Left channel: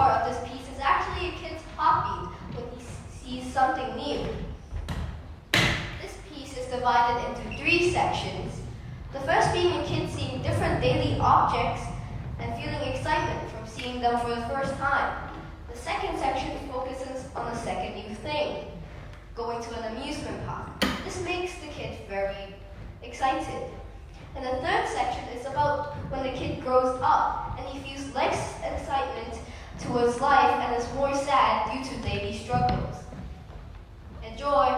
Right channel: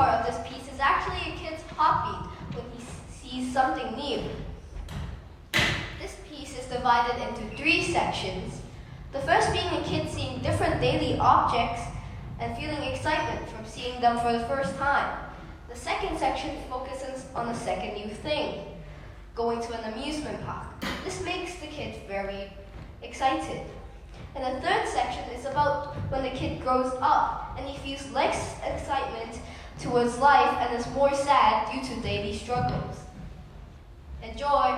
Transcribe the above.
part of this piece is actually a kid's heartbeat when he sees something new. This piece is divided into 3 sections. The first being a kid seeing different daily objects and feeling excitement from seeing them for the first time. The second section focuses on the second new thing, going to an amusement park. This makes the kid very excited. And the third section is about when the kid grows up and he feels less excitement towards life and is more sad due to daily struggles. Enjoy!